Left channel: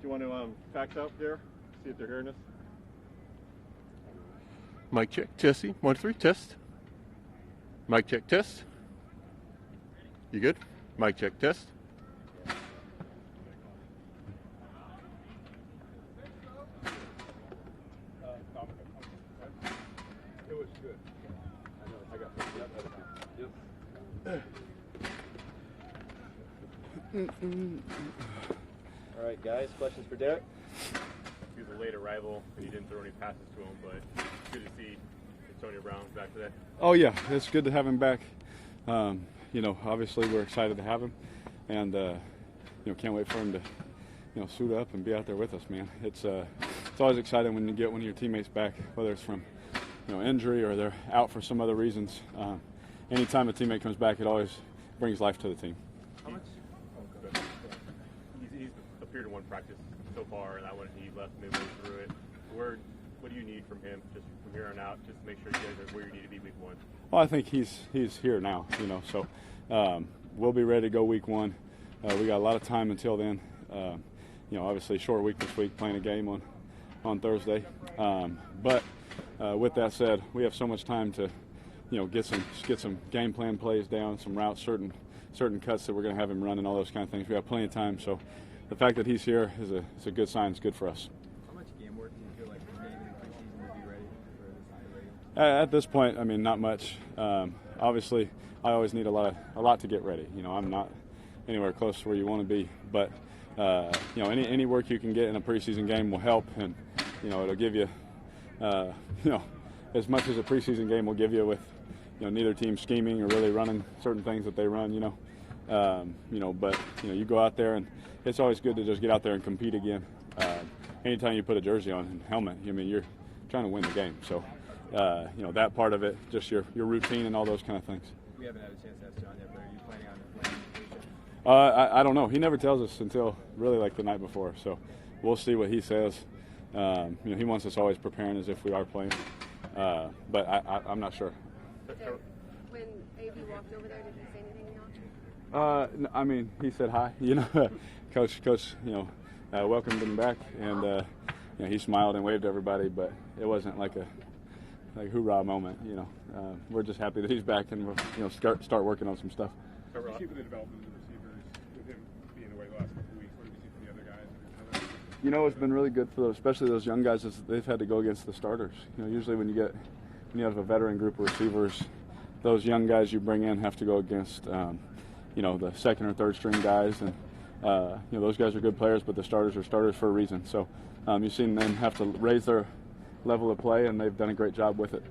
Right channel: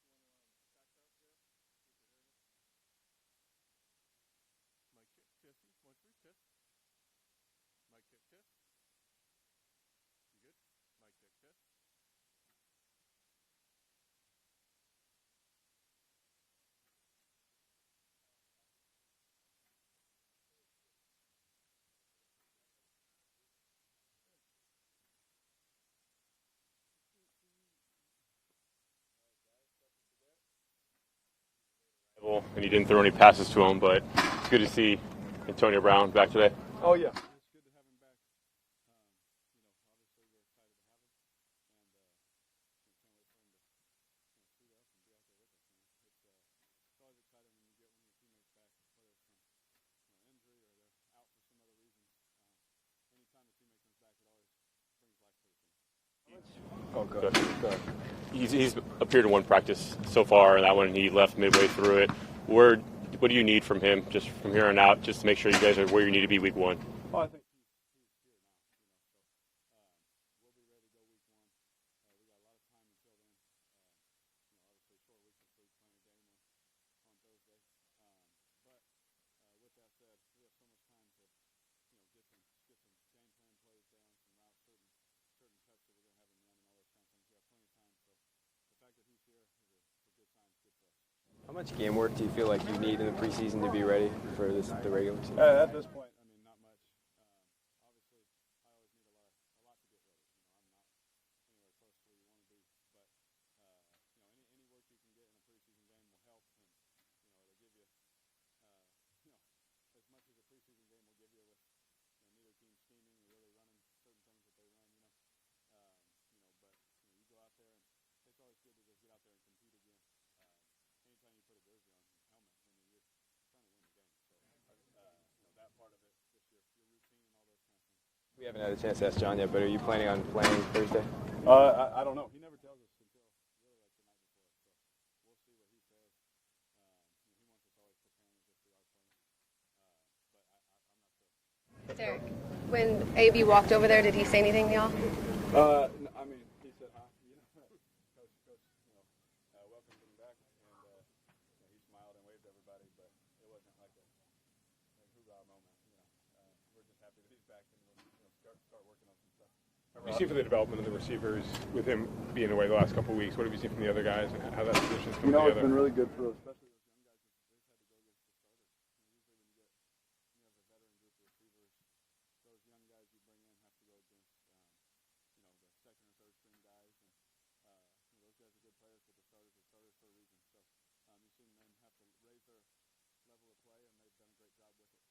Do you want to fax out there, see if they're hearing us? Mic check, Jesse. 1, 3, test. Mic check, test. You good? Mic check, test. It was good. I got All right, guys, questions for Derek? He was a late arrival, and you didn't throw any passes to him, but it's good to see Antonio Brown back today. Oh, yeah, it's good to have him back. Obviously we're excited to have him, and, can't wait for him to, suit up and be out there with us, man. It's always exciting when you get one of your teammates back, whether it's from, injury or they're out for some other reasons. Anytime a teammate comes back, it always brings life to the team. Oh, good. He's appeared in one practice so far, and that one he left midway through it. What do you need from him, just from here on out, just to make sure you guys are where you need to be week 1? Well, I think he's here now, so we'll be ready to go week 1. We got a lot of time until then. Obviously short week this week, playing a game on Thursday. But with that said, we have so much time to, get some game plan plays down, some routes, certain cuts that we're going to have him run and all those kind of things. We have plenty of time, so the fact that he's here is a good sign. It's good for us. How much game work do you feel like you need in the preseason to be ready for the regular season? At this point, not much. Obviously, I always need a lot to get ready. I'm not anywhere close to where you want to be, but any work you can get in a preseason game will help, and it'll give you as much as a preseason game will give you with neither team scheming or really running certain things that they run. But you go out there, and it's always good to just get out there and compete again. Anytime you put a jersey on and helmet, you're trying to win the game. So, that part of it, just your routine and all those kind of things. We haven't had a chance to ask John yet, but are you planning on playing Thursday? I don't know. He never tells us until really like the night before. So we'll see what he says. He wants us always preparing as if we are playing. But I'm not sure. Derek, when AB walked over there, did he say anything to y'all? He said hi. Coach, welcomed him back, and he smiled and waved to everybody. But it wasn't like a hoorah moment. We're just happy that he's back, and we'll start working on some stuff. What have you seen for the development of the receivers with him being away the last couple of weeks? What have you seen from the other guys and how that position's come together? It's been really good for especially those young guys. They've had to go against the starters. Usually when you have a veteran group of receivers, those young guys you bring in have to go against, the second or third string guys, and those guys are good players, but the starters are starters for a reason. So you've seen them have to raise their level of play, and they've done a great job with it.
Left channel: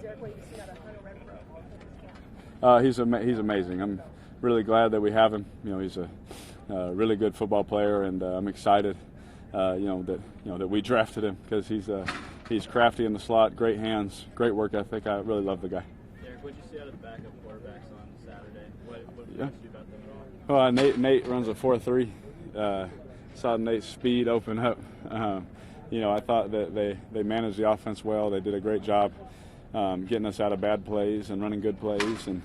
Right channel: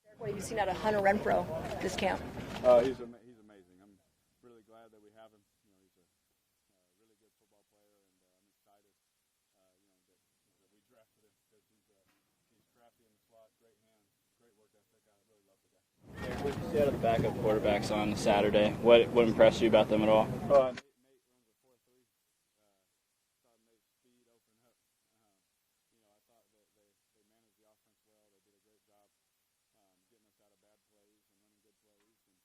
Derek, what have you seen out of Hunter Renfro this camp? He's amazing. I'm really glad that we have him. He's a really good football player, and I'm excited, that we drafted him because he's crafty in the slot, great hands, great work ethic. I really love the guy. Derek, what did you see out of the backup quarterbacks on Saturday? What impressed you about them at all? Nate runs a 4.3. Saw Nate's speed open up. I thought that they managed the offense well. They did a great job getting us out of bad plays and running good plays, and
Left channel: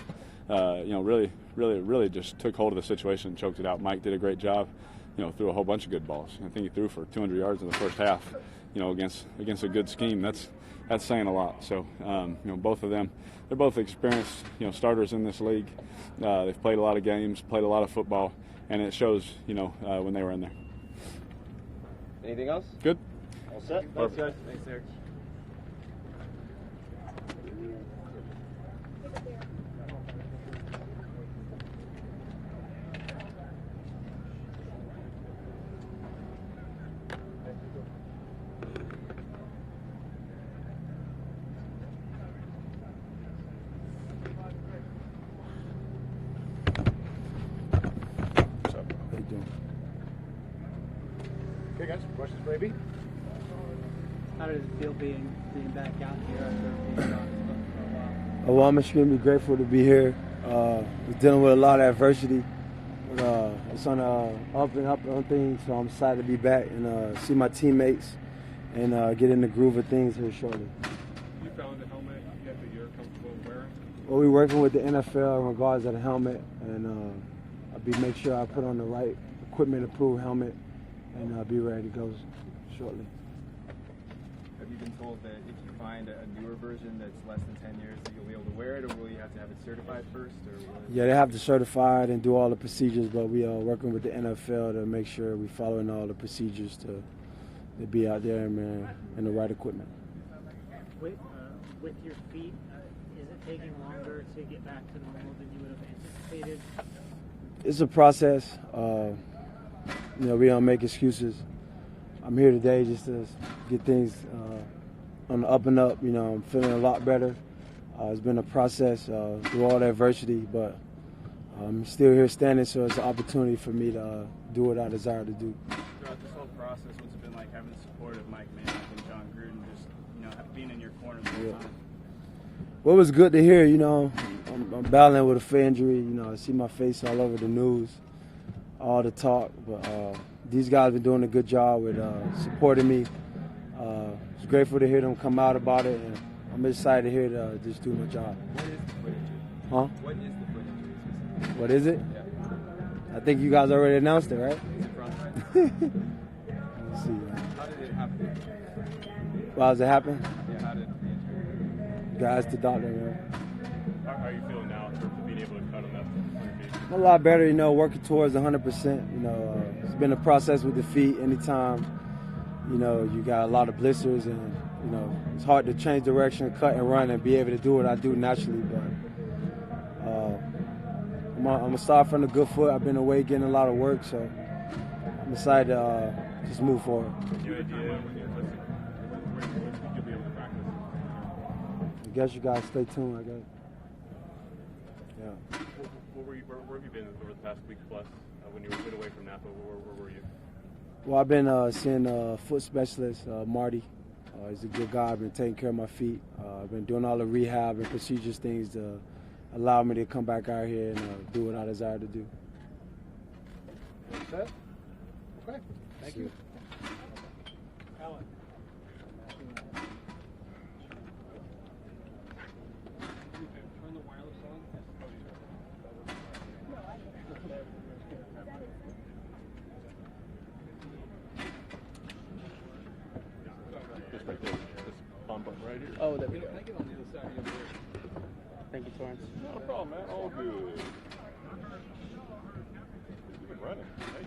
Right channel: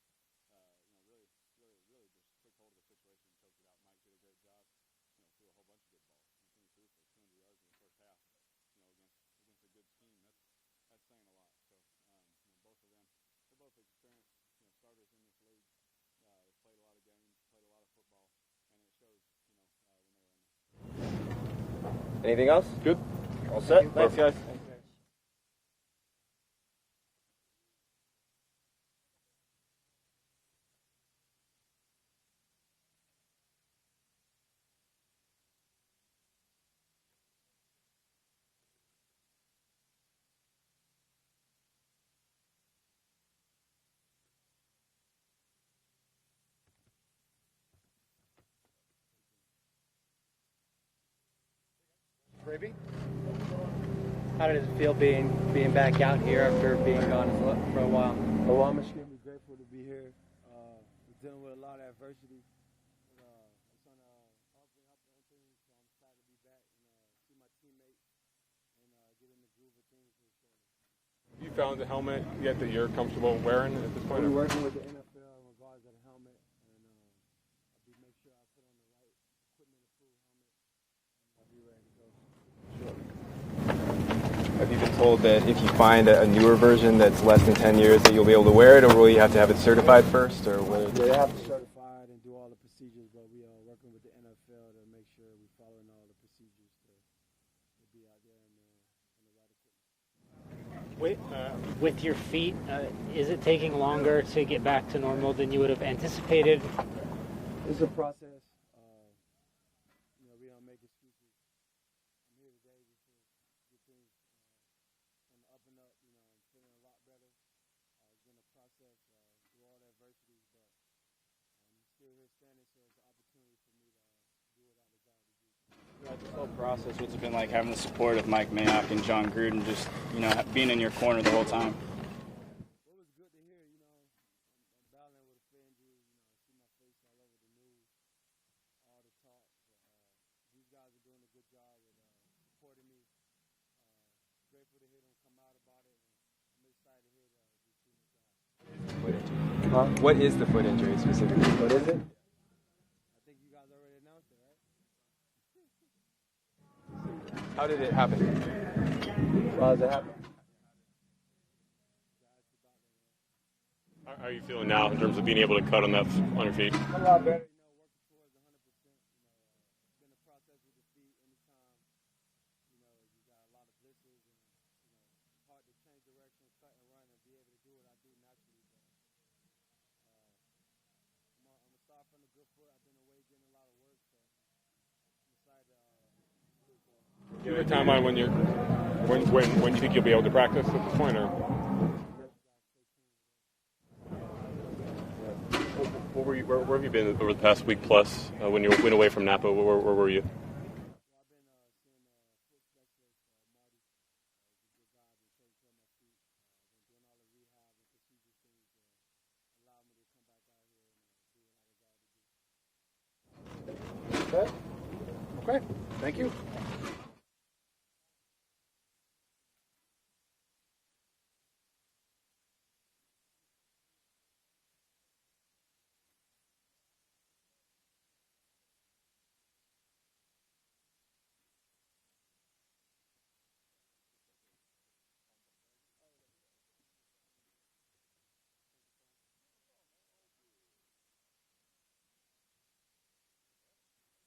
really just took hold of the situation and choked it out. Mike did a great job. Threw a whole bunch of good balls. I think he threw for 200 yards in the first half. Against a good scheme. That's saying a lot. So both of them, they're both experienced starters in this league. They've played a lot of games, played a lot of football, and it shows when they were in there. Anything else? Good. All set. Thanks, guys. Thanks, Derek. Okay, guys, questions for AB? How does it feel being back out here after being gone for a while? Well, I'm extremely grateful to be here. We're dealing with a lot of adversity. It's on up and up on things, so I'm excited to be back and see my teammates and get in the groove of things here shortly. you found the helmet yet that you're comfortable wearing at this point? We're working with the NFL in regards to the helmet, and I'll make sure I put on the right equipment-approved helmet, and I'll be ready to go shortly. Have you been told that if you find a newer version that's less than 10 years that you'll be able to wear it, or will you have to have it certified first? Or what? Yeah, they have to certify it and do all the procedures, but we are working with the NFL to make sure we're following all the procedures to be out there, man, in the right equipment. With your feet, is it taking longer to get back to normal than you would have anticipated? It's a process. We don't make excuses. I'm here today just to get things on the up and up. I'm feeling a lot better. It's been a process through all the adversity, but I'm still here standing, so it's an opportunity for me to do what I desire to do. Throughout this whole process, what's it been like having the support of Mike Mayock and Jon Gruden, just being in your corner the whole time? Well, it was good to hear. I'm battling with a foot injury. I see my face all over the news, all the talk, but these guys have been doing a good job with supporting me. It's grateful to hear them come out about it, and I'm excited to hear to just do my job. What is the foot injury specifically? What is it? I think you guys already announced it, right? Let's see. How did it happen? How does it happen? Yeah, how did Guys, the doctor, man. How are you feeling now in terms of being able to cut on your feet? A lot better, working towards 100%. It's been a process with the feet. Anytime, you got a lot of blisters, and it's hard to change direction, cut and run, and be able to do what I do naturally. But I'm gonna start from the good foot. I've been away getting a lot of work, so I'm excited to just move forward. Do you have a timeline when you think you'll be able to practice at this point, or? I guess you guys stay tuned. I guess. Where have you been over the past week plus when you went away from Napa? Where were you? Well, I've been seeing a foot specialist, Marty. He's a good guy. I've been taking care of my feet. I've been doing all the rehab and procedures things to allow me to come back out here and do what I desire to do. Okay. Thank you. Oh, there we go. Thank you, Torrance. No problem, man. All good. You've been running. Hey.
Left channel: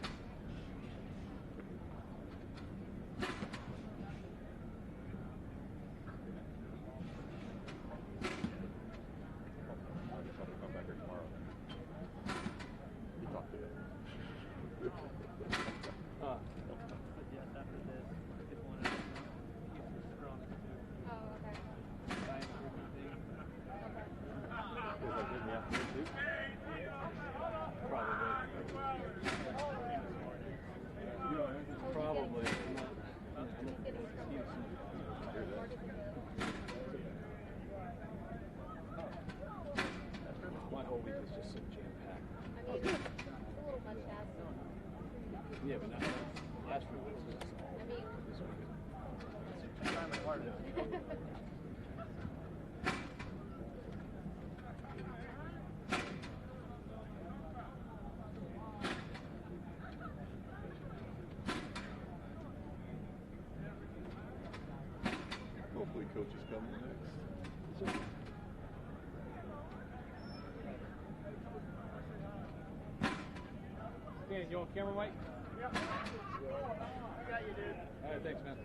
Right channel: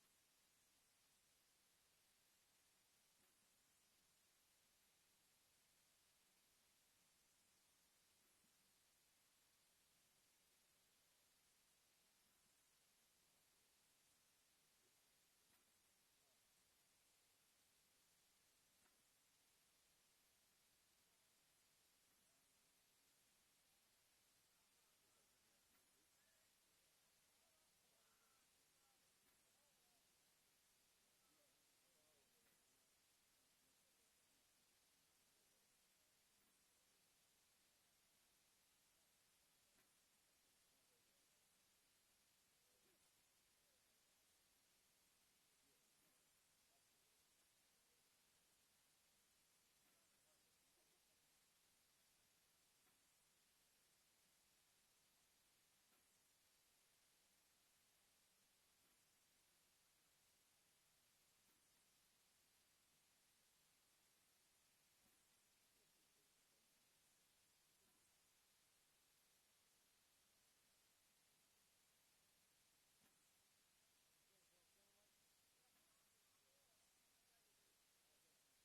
Hopefully Coach is coming next. Hey, you on camera, Mike? Yep. I got you, dude. All right, thanks, man.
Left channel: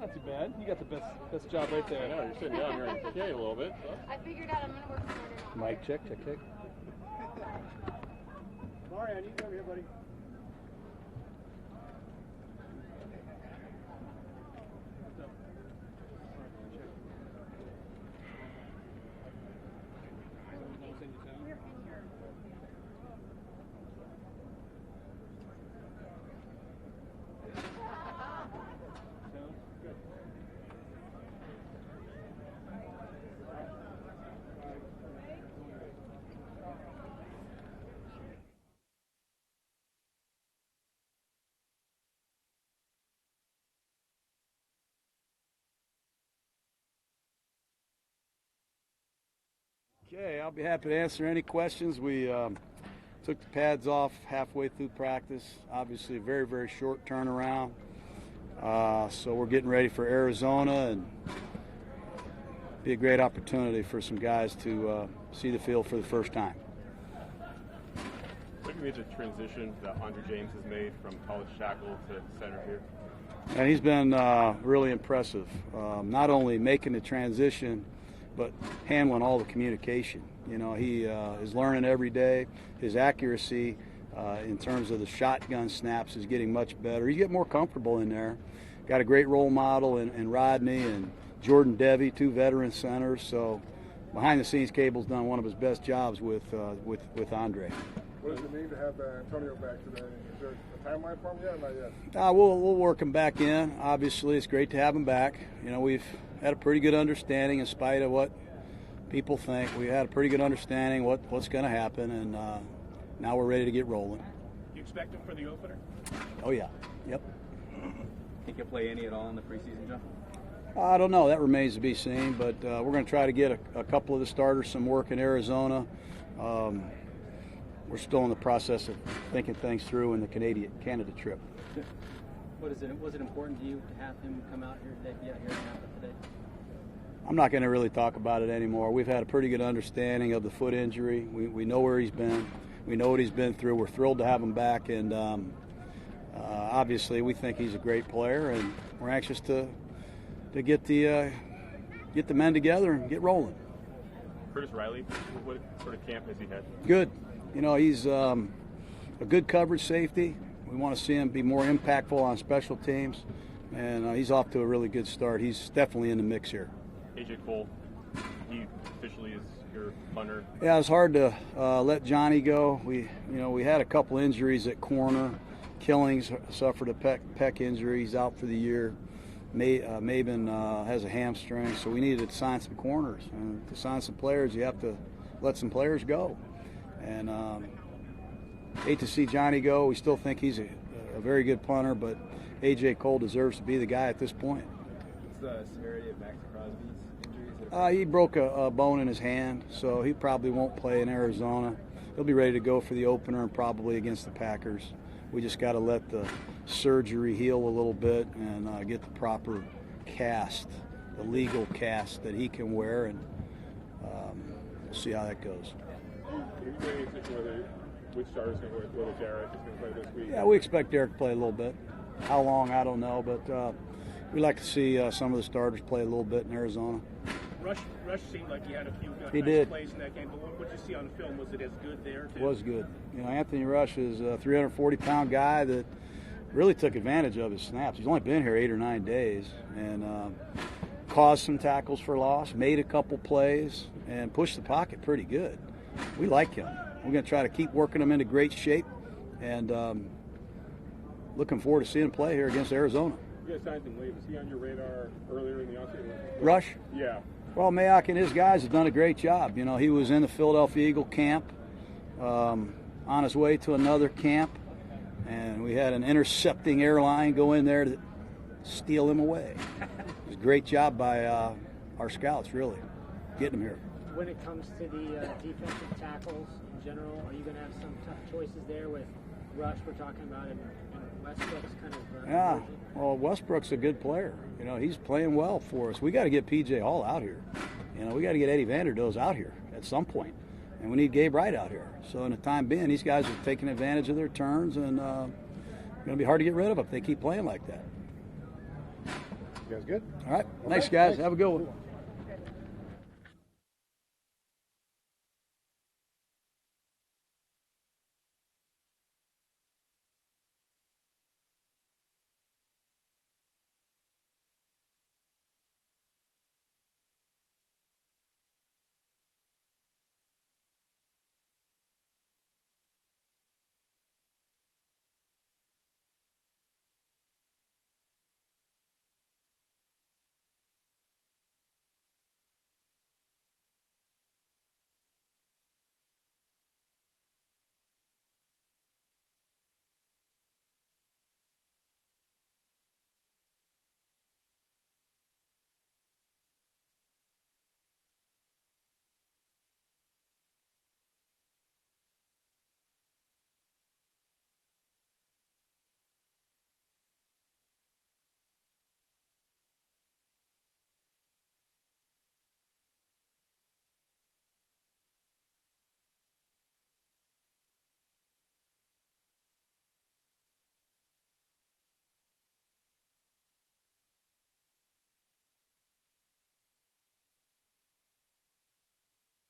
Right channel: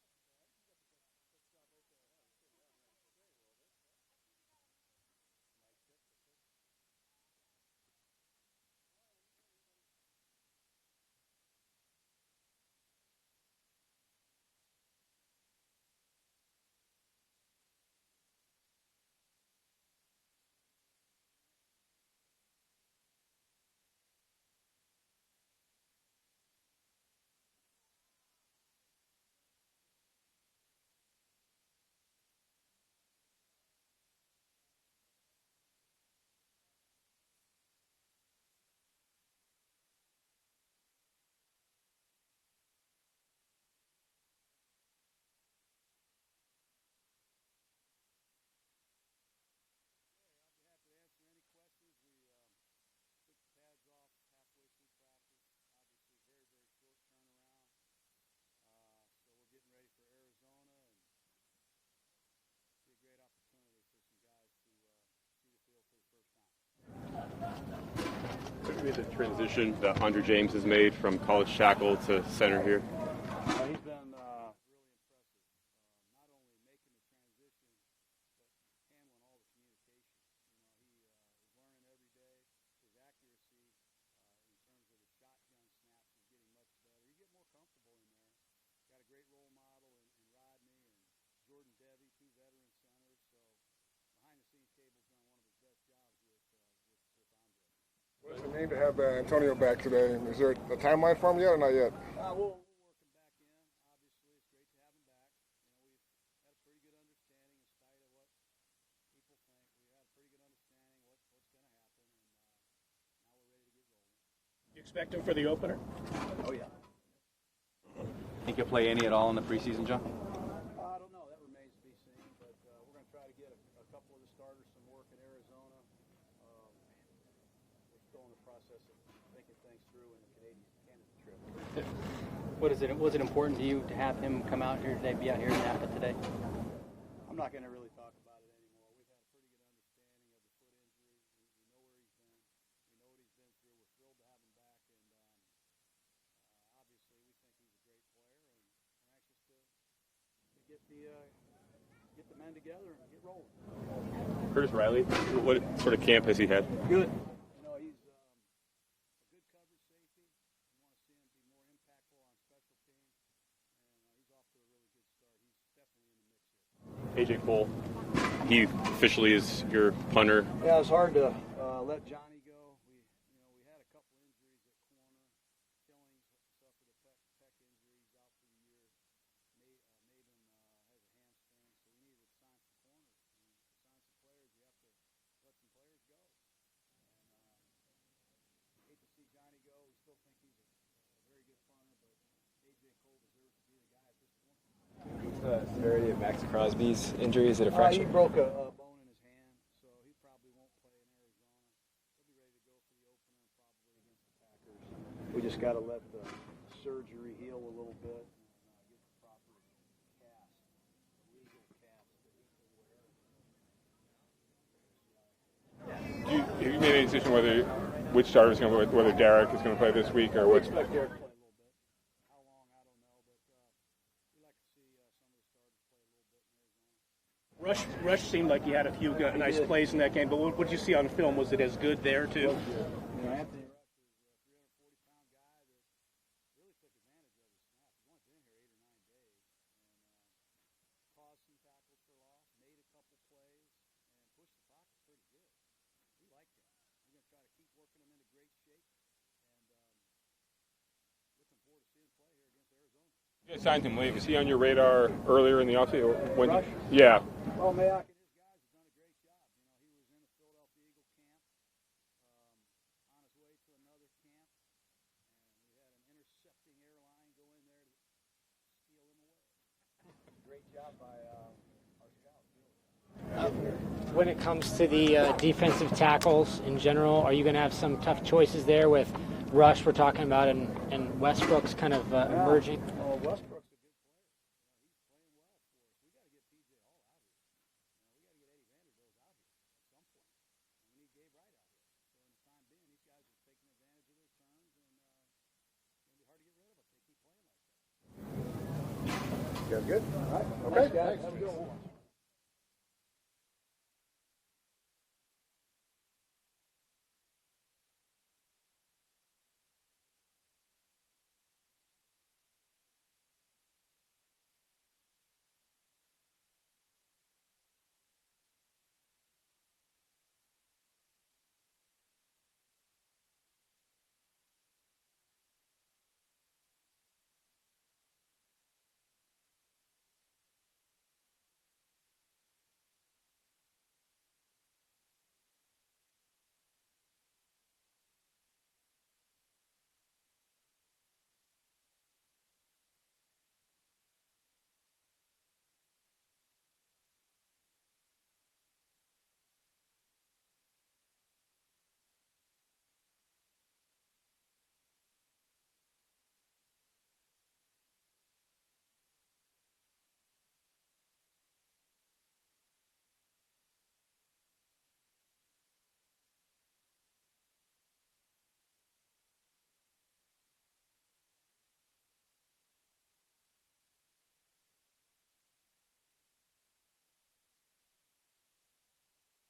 Not too bad. You got the best job right there. I know, you're sitting down here in K a little bit. So. I figured out I'm going to work smarter. Mic check. Mario, you come here, buddy. Okay, I'll be happy to answer any questions. We took the pads off halfway through practice. Obviously, a very, very short turnaround. So we're getting ready for Arizona, and be a great opportunity for some guys to see the field for the first time. What do you think the transition that Andre James has made from college tackle to center here? And he's been really impressive. Not only making the transition, but handling all the communication. You know, he is learning every day. His accuracy in terms of the shotgun snaps is getting much better. You get more comfortable in there. Got a great role model in Rodney and Jordan Devey, two veteran centers. So behind the scenes, Cable's done one of his best jobs with Andre. What does it mean to have Antonio back today? Is there a timeline for him yet or not yet? We'll work him back in. Obviously, it's great to have him back. You know, we've had a pretty good understanding in spite of what people think. We had a pretty good understanding what's going to happen, and now we're ready to get rolling. You expect him for the opener? Oh, yeah. Yep. Think he'll play any at all in the preseason, John? I don't know. That remains to be seen, but we're going to try to get a couple of the starters some work in Arizona. We're still in the process of thinking things through in the Canada trip. Was it important to you to have him come out here today, be out here in Napa today? I'm not going to really talk about it anymore. We've had a pretty good understanding of the foot injury. We know where he's been. We know what he's been through. We're thrilled to have him back, and obviously we think he's a great player, and we're anxious to get the men together and get rolling. Curtis Riley, what sort of camp has he had? Good. You know, he's a good coverage safety. We want to see him be more impactful on special teams, and he's off to a really good start. He's definitely in the mix here. AJ Cole, he officially is your punter. Yeah, it was hard to let Johnny go. We had a couple injuries at corner. Killings suffered a pec injury. He's out for the year. Maben has a hamstring, so we needed to sign some corners. And to sign some players, you have to let some players go. And hate to see Johnny go. We still think he's a very good punter, but A.J. Cole deserves to be the guy at this point. What's the severity of Max Crosby's injury? Is it a fracture? He broke a bone in his hand, so he probably won't play in Arizona. He'll be ready to go for the opener and probably against the Packers. We just got to let the surgery heal a little bit and get the proper cast, the legal cast that he can wear, and we'll see how that goes. Have you made any decision which starter is going to play, whether Derek is going to play this week or we what? expect Derek to play a little bit. How long, I don't know, but we like to see some of the starters play a little bit in Arizona. Rush seemed like he had a few nice plays in that game, but what did you see on film? Was it as good there, too? It was good. You know, Anthony Rush is a 340-pound guy that really took advantage of his snaps. He's only been here 8 or 9 days and caused some tackles for loss, made a couple plays, and pushed the pocket pretty good. We like him. We're going to try to keep working him into great shape, and looking forward to seeing him play here against Arizona. You guys signed him late. Was he on your radar earlier in the offseason? Rush? Yeah. Well, Mayock and his guys have done a great job. You know, he was in the Philadelphia Eagle camp on his way to another camp, and we had an intercepting airline go in there to steal him away. It was a great job by our scouts, really, getting here. When it comes to the defensive tackles in general, are you going to have some tough choices there with Rush we're talking about and Westbrook's kind of emerging? Well, Westbrook's a good player. You know, he's playing well for us. We got to get P.J. Hall out here. You know, we got to get Eddie Vanderdoes out here at some point. And we need Gabe Wright out here. So in the time being, these guys are taking advantage of their turns, and going to be hard to get rid of if they keep playing like that. You guys good? All right. Okay. Thanks, guys. Have a good one.